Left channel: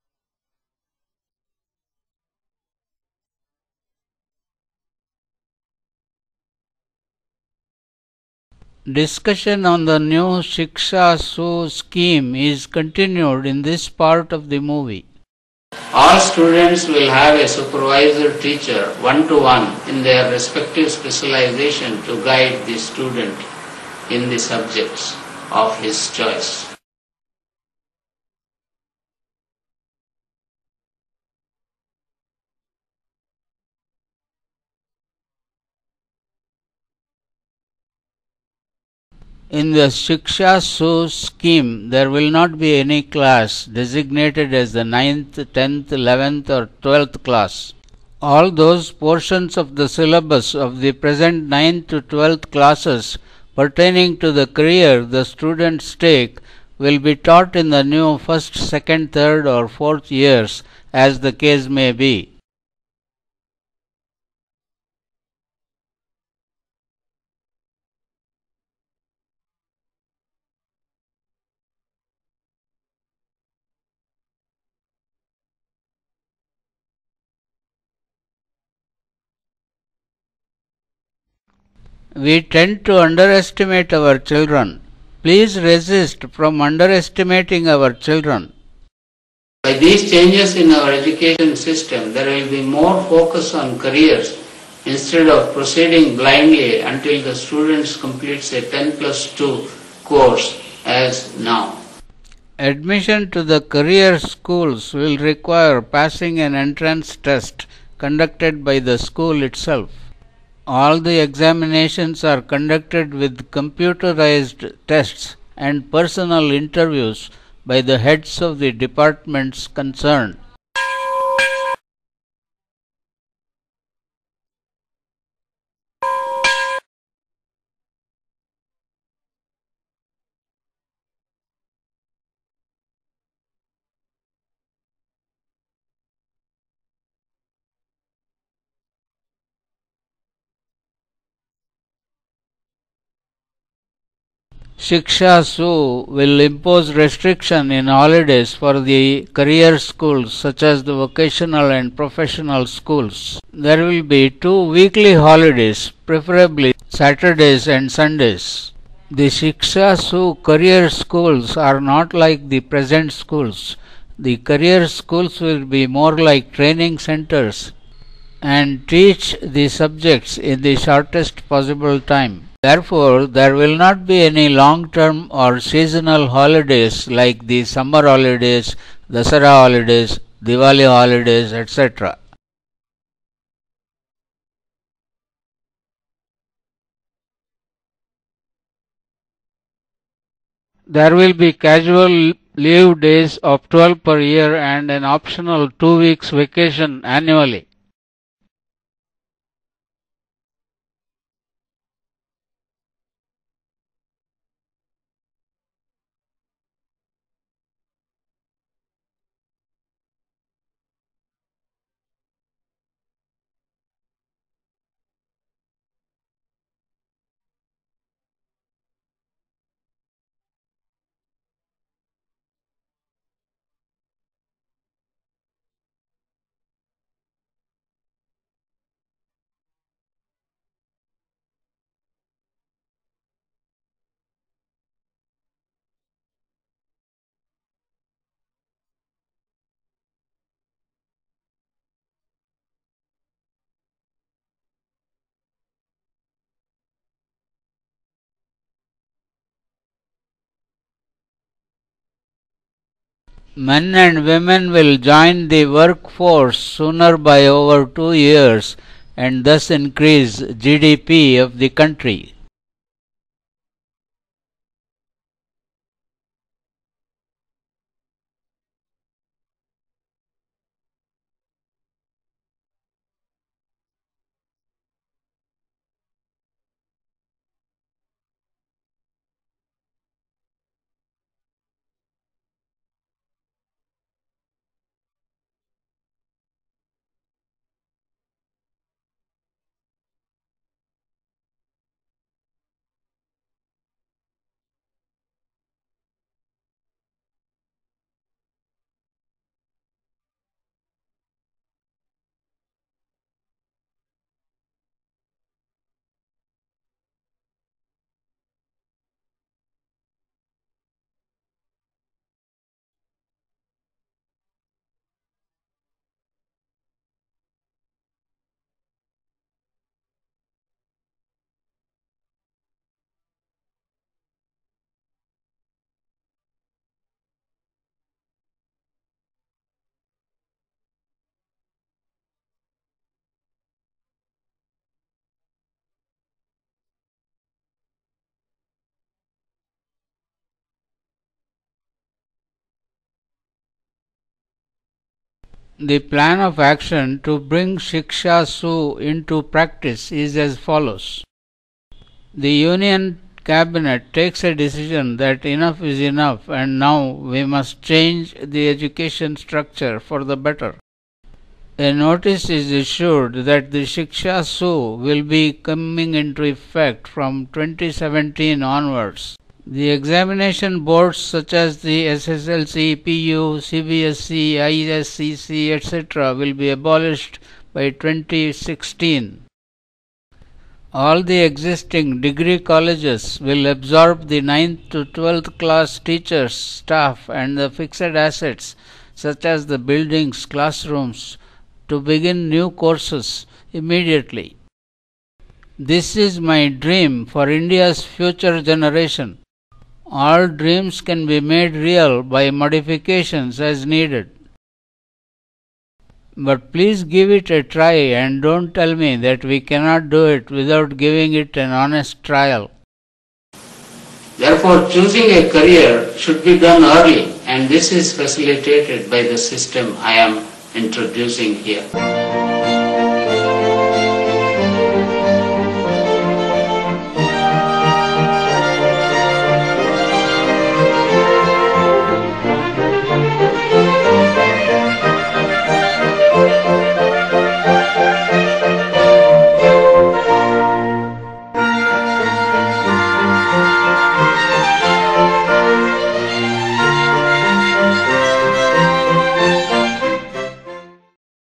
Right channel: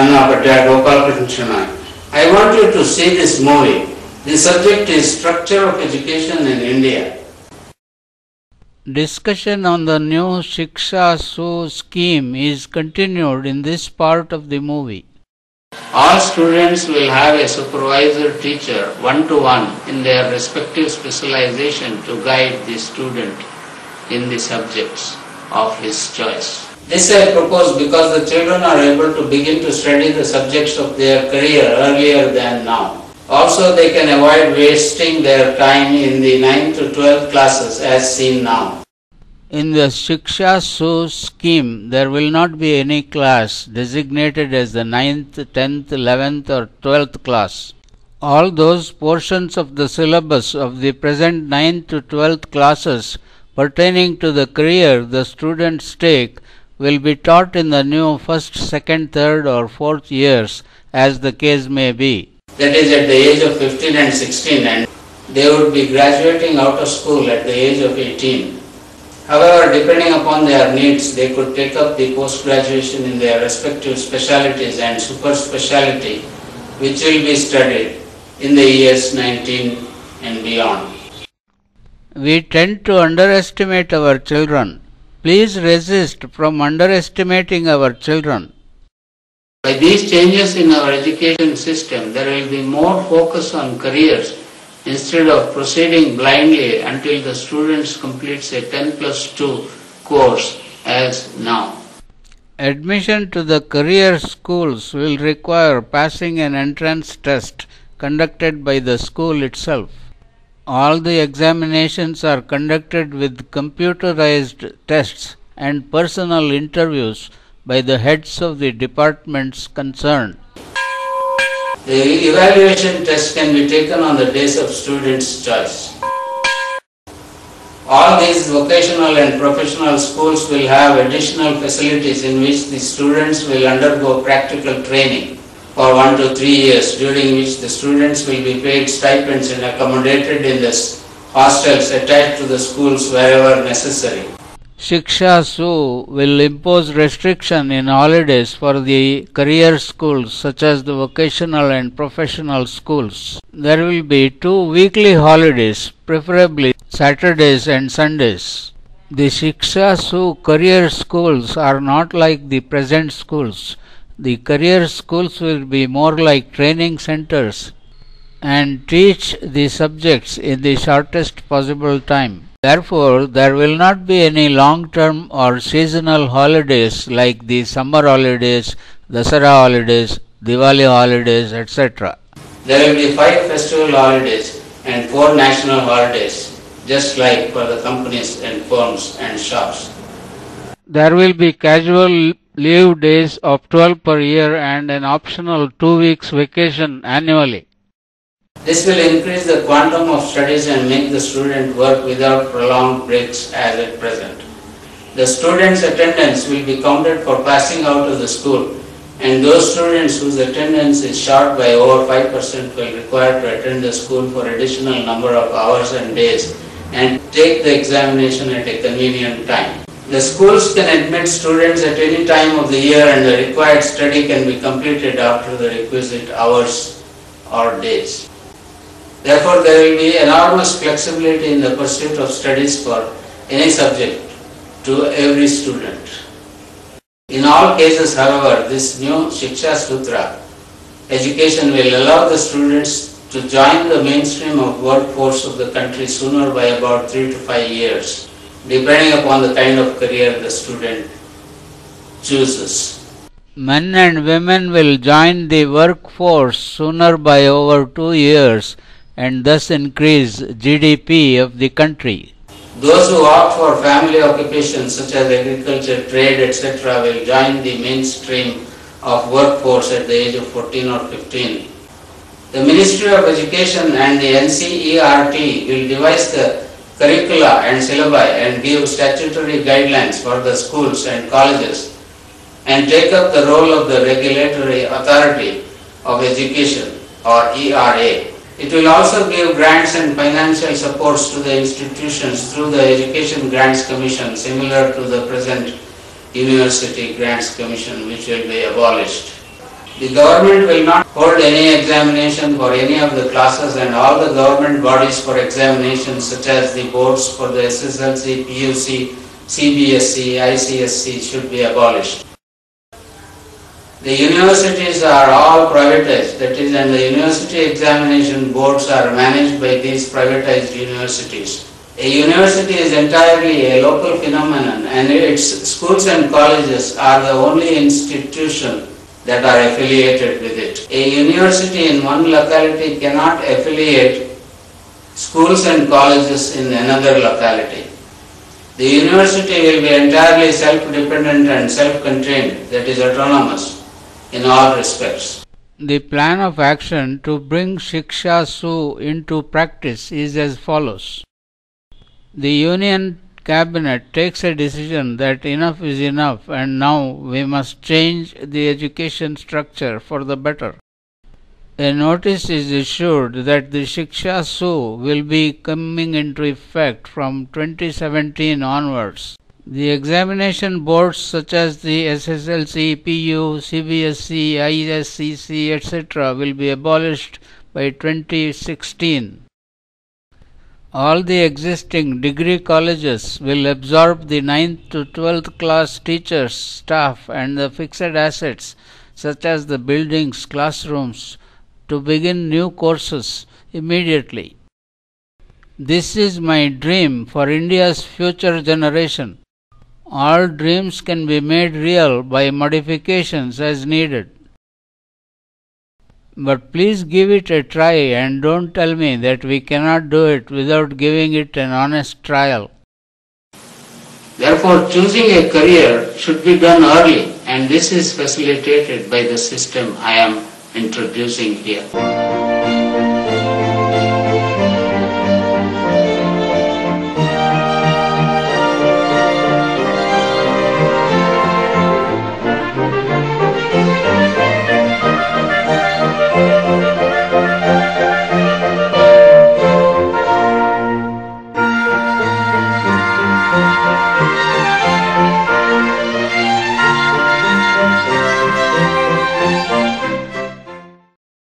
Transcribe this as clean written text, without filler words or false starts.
son of Gopal Krishna. I want you to see this movie. The subject is Structure of Education in India. Discussion on the new Shiksha-Su scheme is continued in this part of the movie. All students will have a supervisor teacher one-to-one in their respective specialization to guide the student in the subjects of his choice. This I propose because the children are able to begin to study the subjects of their career earlier than now. Also, they can avoid wasting their time in the 9th to 12th classes as seen now. In the Shiksha-Su scheme, there will not be any class designated as the 9th, 10th, 11th or 12th class. All those portions of the syllabus of the present 9th to 12th classes pertaining to the career the students take will be taught in the new 1st, 2nd, 3rd or 4th years as the case may be. That is at the age of 15 and 16, and they would be graduating out of school at the age of 18. However, depending upon their needs, they could take up the post-graduation in their respective specialities and super speciality, which will be studied in the years 19 and beyond. We tend to underestimate our children. Please resist from underestimating our children. By these changes in our education system, there will be more focus on careers instead of proceeding blindly until the students completes a 10+2 course as now. Admission to the career schools will require passing an entrance test conducted by the school itself. All the examinations are conducted with computerized tests and personal interviews by the heads of the departments concerned. The evaluation test can be taken on the days of students' choice. All these vocational and professional schools will have additional facilities in which the students will undergo practical training for 1 to 3 years, during which the students will be paid stipends and accommodated in the hostels attached to the schools wherever necessary. Shiksha-Su will impose restriction in holidays for the career schools such as the vocational and professional schools. There will be 2 weekly holidays, preferably Saturdays and Sundays. The Shiksha-Su career schools are not like the present schools. The career schools will be more like training centers and teach the subjects in the shortest possible time. Therefore, there will not be any long-term or seasonal holidays like the summer holidays, Dasara holidays, Diwali holidays, etc. There will be 5 festival holidays and 4 national holidays, just like for the companies and firms and shops. There will be casual leave days of 12 per year and an optional 2 weeks vacation annually. This will increase the quantum of studies and make the student work without prolonged breaks as at present. The student's attendance will be counted for passing out of the school, and those students whose attendance is short by over 5% will require to attend the school for additional number of hours and days and take the examination at a convenient time. The schools can admit students at any time of the year, and the required study can be completed after the requisite hours or days. Therefore, there will be enormous flexibility in the pursuit of studies for any subject to every student. In all cases, however, this new Shiksha Sutra education will allow the students to join the mainstream of workforce of the country sooner by about 3 to 5 years, depending upon the kind of career the student chooses. Men and women will join the workforce sooner by over 2 years and thus increase GDP of the country. Those who opt for family occupations such as agriculture, trade, etc. will join the mainstream of workforce at the age of 14 or 15. The Ministry of Education and the NCERT will devise the curricula and syllabi and give statutory guidelines for the schools and colleges and take up the role of the regulatory authority of education or ERA. It will also give grants and financial supports to the institutions through the Education Grants Commission, similar to the present University Grants Commission, which will be abolished. The government will not hold any examination for any of the classes, and all the government bodies for examinations such as the boards for the SSLC, PUC, CBSE, ICSE should be abolished. The universities are all privatized, that is, and the university examination boards are managed by these privatized universities. A university is entirely a local phenomenon, and its schools and colleges are the only institution that are affiliated with it. A university in one locality cannot affiliate schools and colleges in another locality. The university will be entirely self-dependent and self-contained, that is autonomous in all respects. The plan of action to bring Shiksha-Su into practice is as follows. The Union Cabinet takes a decision that enough is enough and now we must change the education structure for the better. A notice is issued that the Shiksha-Su will be coming into effect from 2017 onwards. The examination boards such as the SSLC, PU, CBSE, ISCC, etc. will be abolished by 2016. All the existing degree colleges will absorb the 9th to 12th class teachers, staff and the fixed assets such as the buildings, classrooms to begin new courses immediately. This is my dream for India's future generation. All dreams can be made real by modifications as needed. But please give it a try and don't tell me that we cannot do it without giving it an honest trial. Therefore, choosing a career should be done early, and this is facilitated by the system I am introducing here.